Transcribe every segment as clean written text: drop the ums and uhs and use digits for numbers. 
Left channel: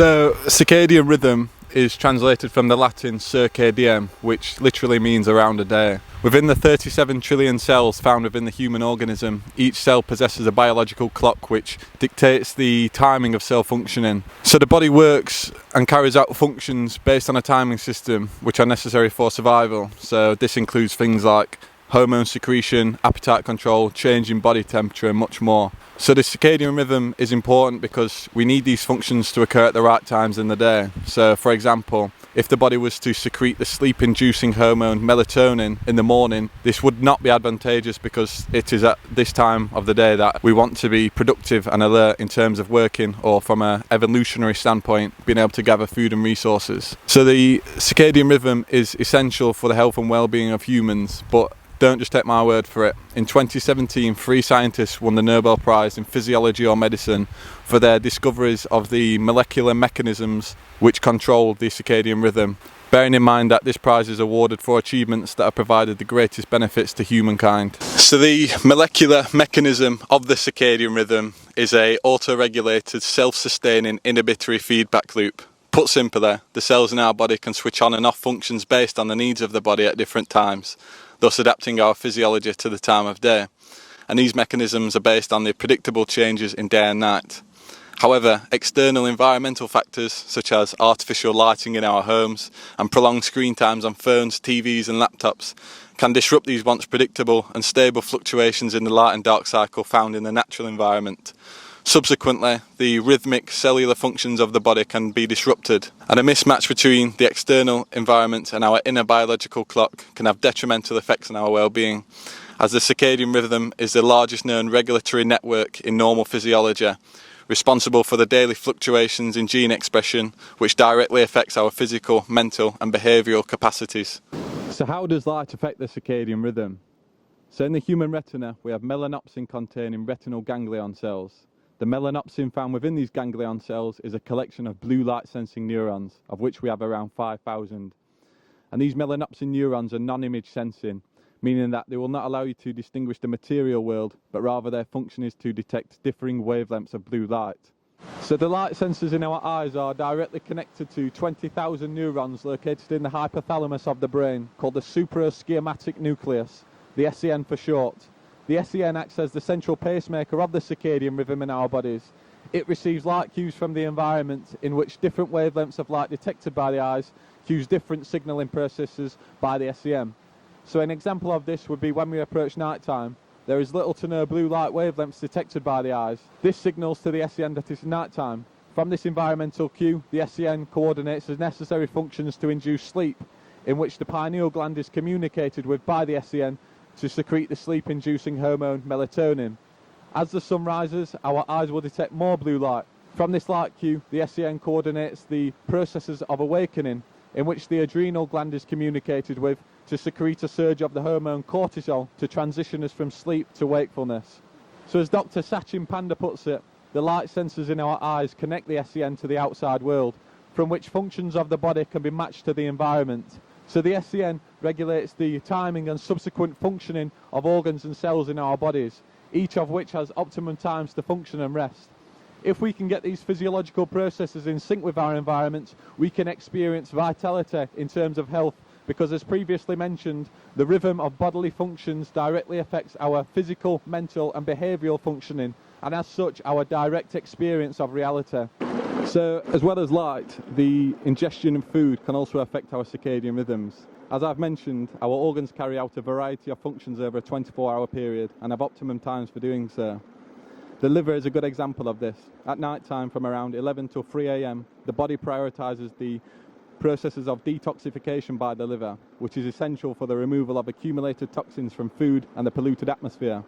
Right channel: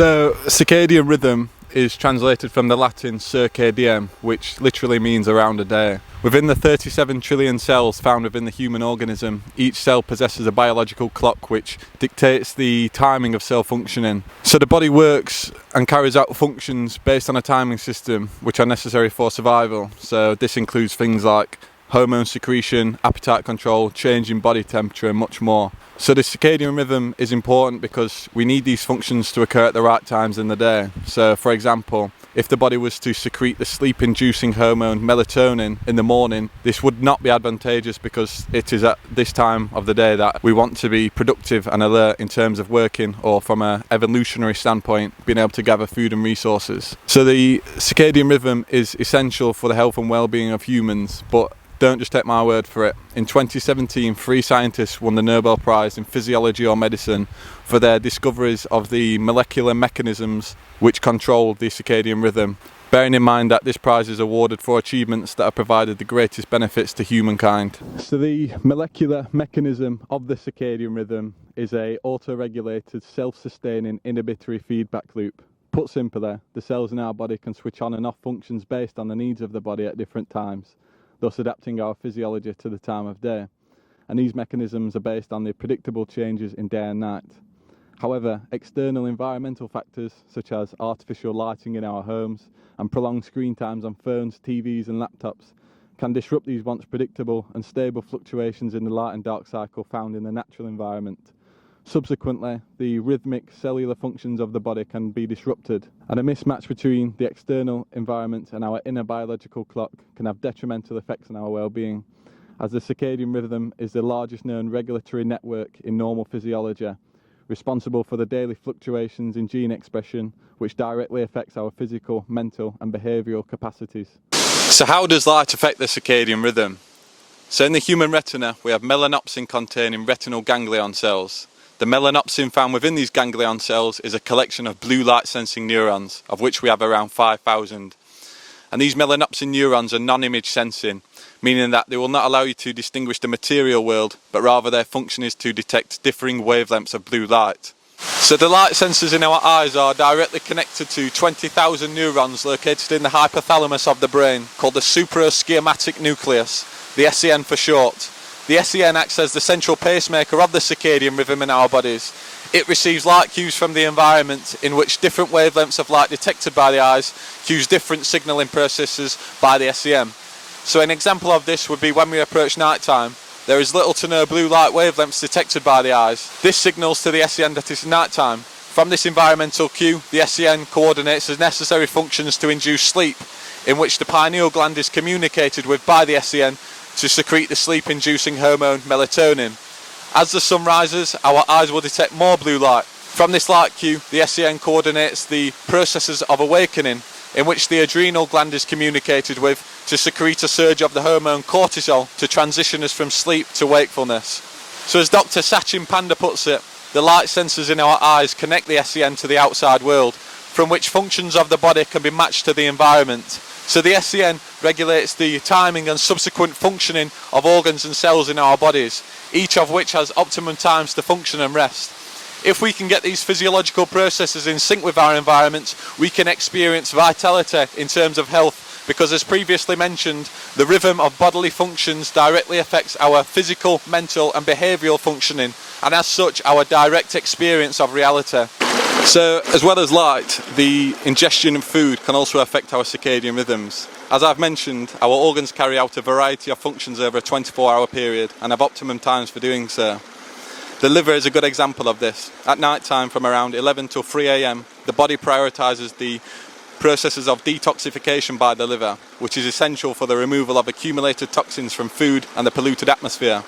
So, circadian rhythm is translated from the Latin circadian, which literally means around a day. Within the 37 trillion cells found within the human organism, each cell possesses a biological clock which dictates the timing of cell functioning. So the body works and carries out functions based on a timing system which are necessary for survival. So this includes things like hormone secretion, appetite control, change in body temperature and much more. So the circadian rhythm is important because we need these functions to occur at the right times in the day. So for example, if the body was to secrete the sleep-inducing hormone melatonin in the morning, this would not be advantageous because it is at this time of the day that we want to be productive and alert in terms of working, or from an evolutionary standpoint, being able to gather food and resources. So the circadian rhythm is essential for the health and well-being of humans, but don't just take my word for it. In 2017, 3 scientists won the Nobel Prize in Physiology or Medicine for their discoveries of the molecular mechanisms which control the circadian rhythm, bearing in mind that this prize is awarded for achievements that have provided the greatest benefits to humankind. So the molecular mechanism of the circadian rhythm is a auto-regulated, self-sustaining inhibitory feedback loop. Put simply, the cells in our body can switch on and off functions based on the needs of the body at different times, thus adapting our physiology to the time of day. And these mechanisms are based on the predictable changes in day and night. However, external environmental factors such as artificial lighting in our homes and prolonged screen times on phones, TVs and laptops can disrupt these once predictable and stable fluctuations in the light and dark cycle found in the natural environment. Subsequently, the rhythmic cellular functions of the body can be disrupted, and a mismatch between the external environment and our inner biological clock can have detrimental effects on our well-being, as the circadian rhythm is the largest known regulatory network in normal physiology, responsible for the daily fluctuations in gene expression, which directly affects our physical, mental and behavioural capacities. So how does light affect the circadian rhythm? So in the human retina, we have melanopsin containing retinal ganglion cells. The melanopsin found within these ganglion cells is a collection of blue light sensing neurons, of which we have around 5,000. And these melanopsin neurons are non-image sensing, meaning that they will not allow you to distinguish the material world, but rather their function is to detect differing wavelengths of blue light. So the light sensors in our eyes are directly connected to 20,000 neurons located in the hypothalamus of the brain, called the supraschematic nucleus, the SCN for short. The SCN acts as the central pacemaker of the circadian rhythm in our bodies. It receives light cues from the environment, in which different wavelengths of light detected by the eyes cues different signalling processes by the SCN. So an example of this would be when we approach night time. There is little to no blue light wavelengths detected by the eyes. This signals to the SCN that it's night time. From this environmental cue, the SCN coordinates the necessary functions to induce sleep, in which the pineal gland is communicated with by the SCN to secrete the sleep-inducing hormone melatonin. As the sun rises, our eyes will detect more blue light. From this light cue, the SCN coordinates the processes of awakening, in which the adrenal gland is communicated with to secrete a surge of the hormone cortisol to transition us from sleep to wakefulness. So as Dr. Sachin Panda puts it, the light sensors in our eyes connect the SCN to the outside world, from which functions of the body can be matched to the environment. So the SCN regulates the timing and subsequent functioning of organs and cells in our bodies, each of which has optimum times to function and rest. If we can get these physiological processes in sync with our environment, we can experience vitality in terms of health, because as previously mentioned, the rhythm of bodily functions directly affects our physical, mental and behavioural functioning, and as such our direct experience of reality. So, as well as light, the ingestion of food can also affect our circadian rhythms. As I've mentioned, our organs carry out a variety of functions over a 24-hour period and have optimum times for doing so. The liver is a good example of this. At night time, from around 11 till 3 a.m, the body prioritises the processes of detoxification by the liver, which is essential for the removal of accumulated toxins from food and the polluted atmosphere.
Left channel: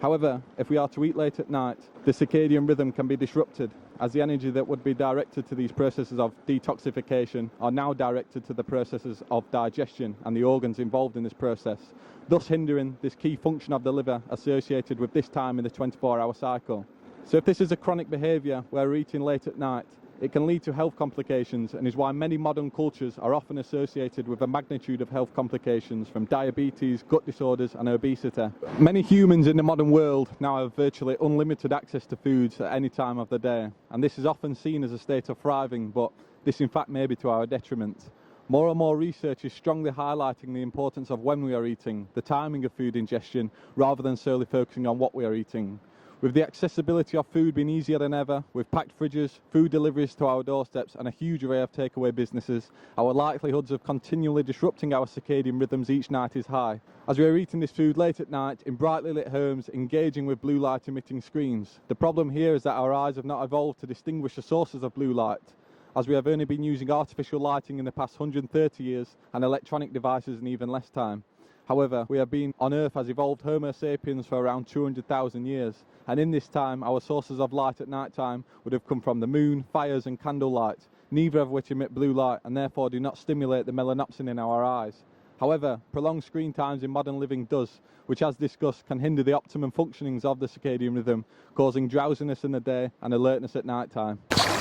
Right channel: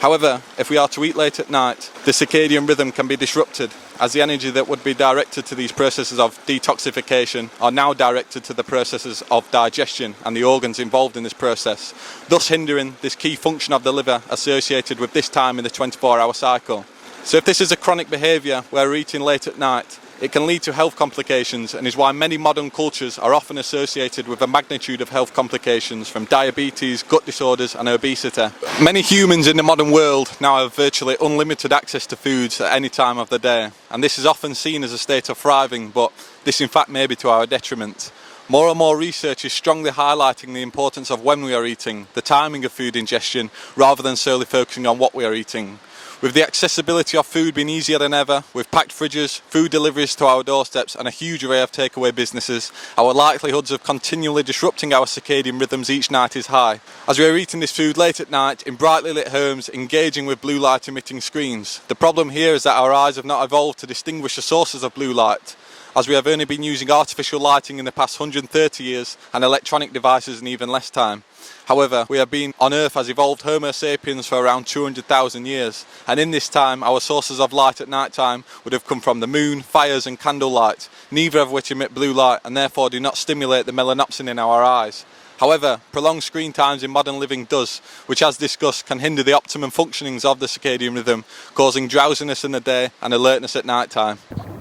However, if we are to eat late at night, the circadian rhythm can be disrupted, as the energy that would be directed to these processes of detoxification are now directed to the processes of digestion and the organs involved in this process, thus hindering this key function of the liver associated with this time in the 24-hour cycle. So if this is a chronic behaviour where we're eating late at night, It can lead to health complications and is why many modern cultures are often associated with a magnitude of health complications from diabetes, gut disorders and obesity. Many humans in the modern world now have virtually unlimited access to foods at any time of the day, and this is often seen as a state of thriving, but this in fact may be to our detriment. More and more research is strongly highlighting the importance of when we are eating, the timing of food ingestion, rather than solely focusing on what we are eating. With the accessibility of food being easier than ever, with packed fridges, food deliveries to our doorsteps and a huge array of takeaway businesses, our likelihoods of continually disrupting our circadian rhythms each night is high. As we are eating this food late at night, in brightly lit homes, engaging with blue light emitting screens. The problem here is that our eyes have not evolved to distinguish the sources of blue light, as we have only been using artificial lighting in the past 130 years and electronic devices in even less time. However, we have been on Earth as evolved Homo sapiens for around 200,000 years, and in this time our sources of light at night time would have come from the moon, fires and candlelight, neither of which emit blue light and therefore do not stimulate the melanopsin in our eyes. However, prolonged screen times in modern living does, which as discussed can hinder the optimum functionings of the circadian rhythm, causing drowsiness in the day and alertness at night time.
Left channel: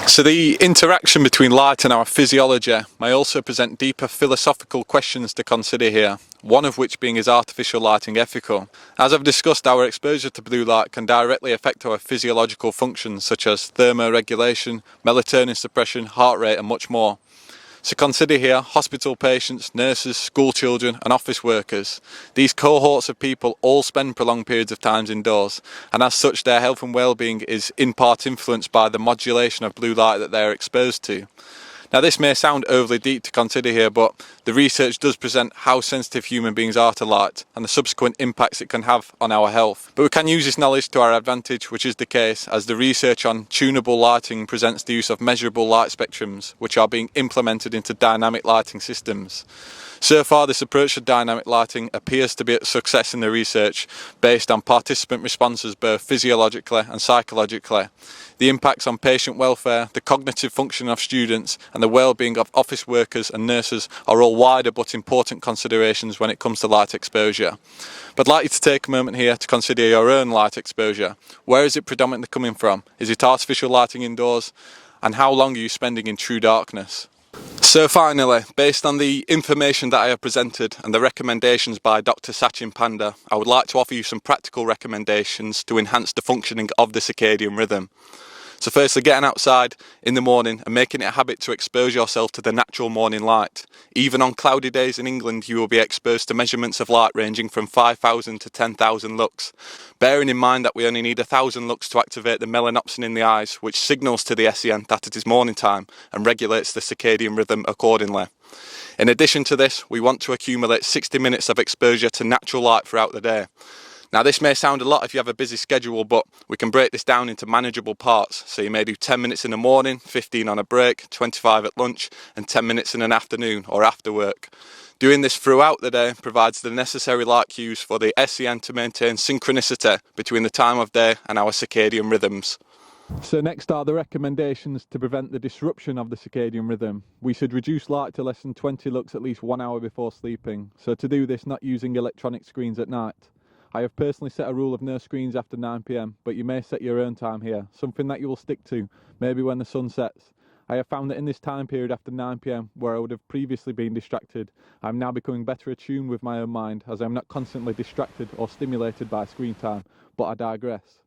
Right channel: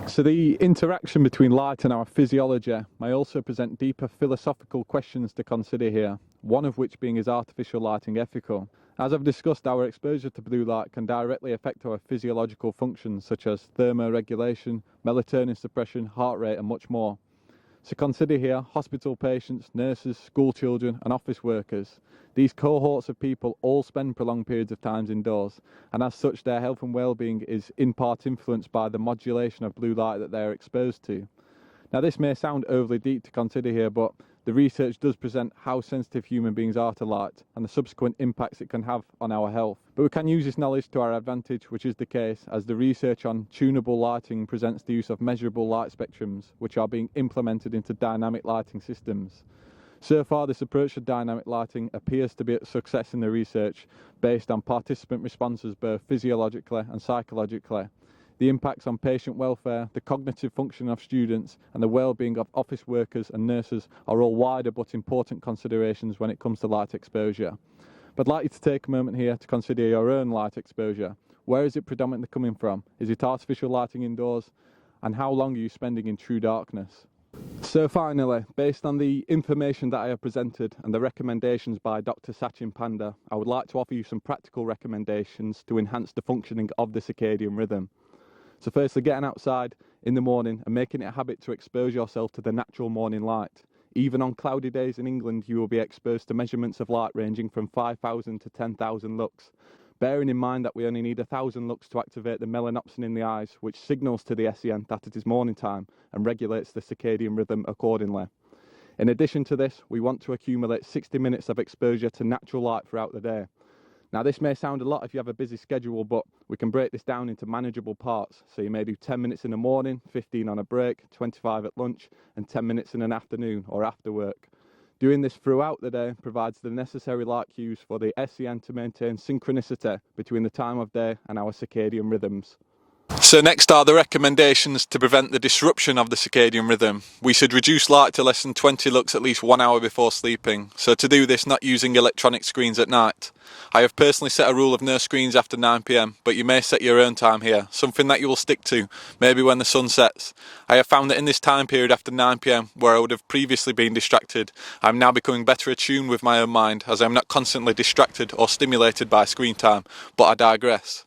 So the interaction between light and our physiology may also present deeper philosophical questions to consider here, one of which being is artificial lighting ethical? As I've discussed, our exposure to blue light can directly affect our physiological functions such as thermoregulation, melatonin suppression, heart rate and much more. So consider here hospital patients, nurses, school children and office workers. These cohorts of people all spend prolonged periods of time indoors, and as such their health and well-being is in part influenced by the modulation of blue light that they are exposed to. Now this may sound overly deep to consider here, but the research does present how sensitive human beings are to light and the subsequent impacts it can have on our health. But we can use this knowledge to our advantage, which is the case as the research on tunable lighting presents the use of measurable light spectrums, which are being implemented into dynamic lighting systems. So far, this approach to dynamic lighting appears to be a success in the research based on participant responses both physiologically and psychologically. The impacts on patient welfare, the cognitive function of students and the well-being of office workers and nurses are all wider but important considerations when it comes to light exposure. But I'd like you to take a moment here to consider your own light exposure. Where is it predominantly coming from? Is it artificial lighting indoors? And how long are you spending in true darkness? So finally, based on the information that I have presented and the recommendations by Dr. Sachin Panda, I would like to offer you some practical recommendations to enhance the functioning of the circadian rhythm. So firstly, getting outside in the morning and making it a habit to expose yourself to the natural morning light. Even on cloudy days in England, you will be exposed to measurements of light ranging from 5,000 to 10,000 lux. Bearing in mind that we only need 1,000 lux to activate the melanopsin in the eyes, which signals to the SEN that it is morning time and regulates the circadian rhythm accordingly. In addition to this, we want to accumulate 60 minutes of exposure to natural light throughout the day. Now this may sound a lot if you have a busy schedule, but we can break this down into manageable parts. So you may do 10 minutes in the morning, 15 on a break, 25 at lunch and 10 minutes in an afternoon or after work. Doing this throughout the day provides the necessary light cues for the SEN to maintain synchronicity between the time of day and our circadian rhythms. So next are the recommendations to prevent the disruption of the circadian rhythm. We should reduce light to less than 20 lux at least 1 hour before sleeping. So to do this, not using electronic screens at night. I have personally set a rule of no screens after 9 PM, but you may set your own time here, something that you will stick to, maybe when the sun sets. I have found that in this time period after 9 PM, where I would have previously been distracted, I am now becoming better attuned with my own mind, as I am not constantly distracted or stimulated by screen time, but I digress.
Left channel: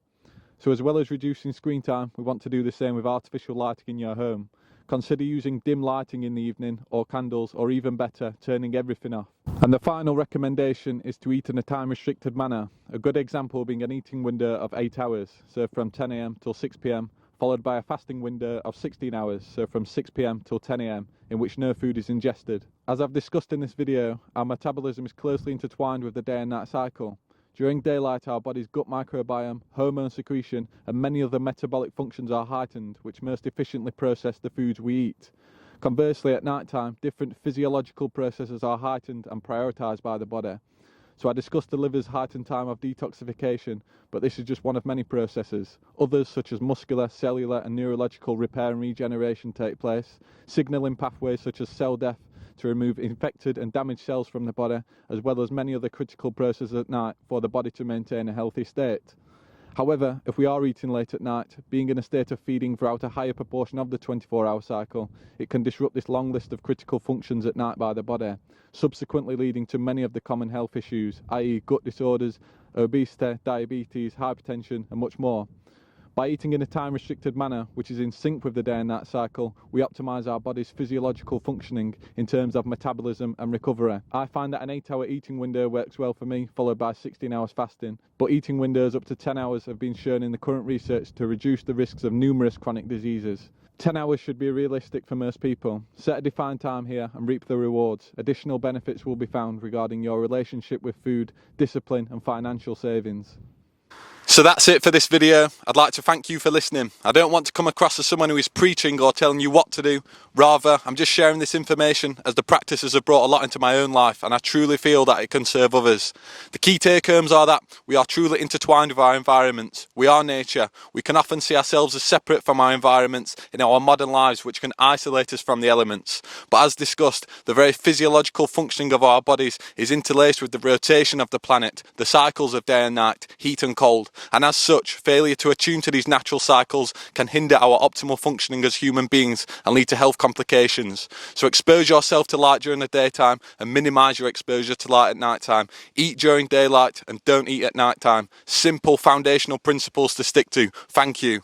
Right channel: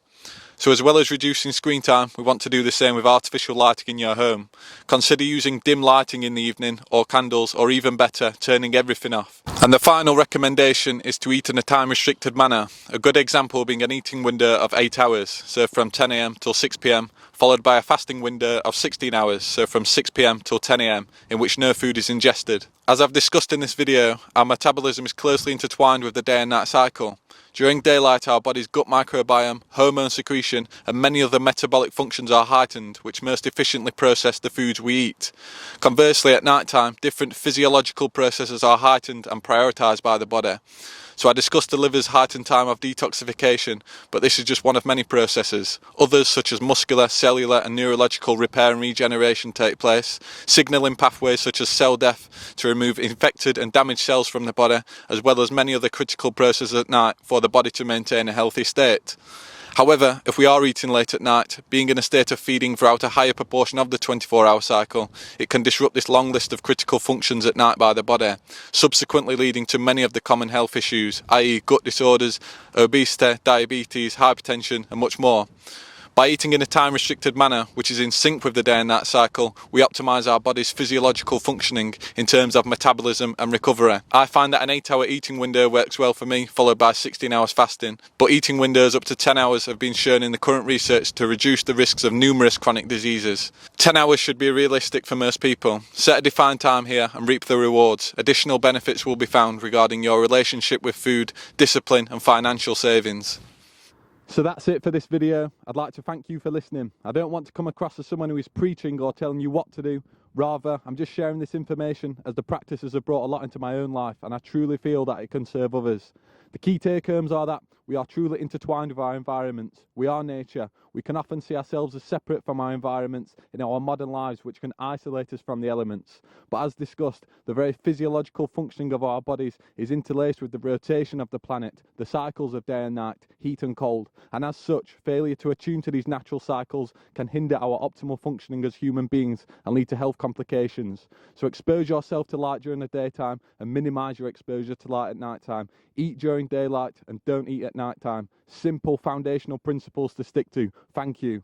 So as well as reducing screen time, we want to do the same with artificial lighting in your home. Consider using dim lighting in the evening or candles, or even better, turning everything off. And the final recommendation is to eat in a time restricted manner. A good example being an eating window of 8 hours, so from 10 AM till 6 PM, followed by a fasting window of 16 hours, so from 6 PM till 10 AM, in which no food is ingested. As I've discussed in this video, our metabolism is closely intertwined with the day and night cycle. During daylight, our body's gut microbiome, hormone secretion, and many other metabolic functions are heightened, which most efficiently process the foods we eat. Conversely, at night time, different physiological processes are heightened and prioritised by the body. So I discussed the liver's heightened time of detoxification, but this is just one of many processes. Others, such as muscular, cellular and neurological repair and regeneration, take place. Signalling pathways such as cell death to remove infected and damaged cells from the body, as well as many other critical processes at night for the body to maintain a healthy state. However, if we are eating late at night, being in a state of feeding throughout a higher proportion of the 24-hour cycle, it can disrupt this long list of critical functions at night by the body, subsequently leading to many of the common health issues, i.e. gut disorders, obesity, diabetes, hypertension and much more. By eating in a time-restricted manner, which is in sync with the day and night cycle, we optimise our body's physiological functioning in terms of metabolism and recovery. I find that an 8-hour eating window works well for me, followed by 16 hours fasting, but eating windows up to 10 hours have been shown in the current research to reduce the risks of numerous chronic diseases. 10 hours should be realistic for most people. Set a defined time here and reap the rewards. Additional benefits will be found regarding your relationship with food, discipline and financial savings. So that's it for this video. I'd like to thank you for listening. I don't want to come across as someone who is preaching or telling you what to do. Rather, I'm just sharing this information as the practices have brought a lot into my own life and I truly feel that it can serve others. The key take-homes are that we are truly intertwined with our environments. We are nature. We can often see ourselves as separate from our environments in our modern lives, which can isolate us from the elements. But as discussed, the very physiological functioning of our bodies is interlaced with the rotation of the planet, the cycles of day and night, heat and cold. And as such, failure to attune to these natural cycles can hinder our optimal functioning as human beings and lead to health complications. So expose yourself to light during the daytime and minimise your exposure to light at night time. Eat during daylight and don't eat at night time. Simple foundational principles to stick to. Thank you.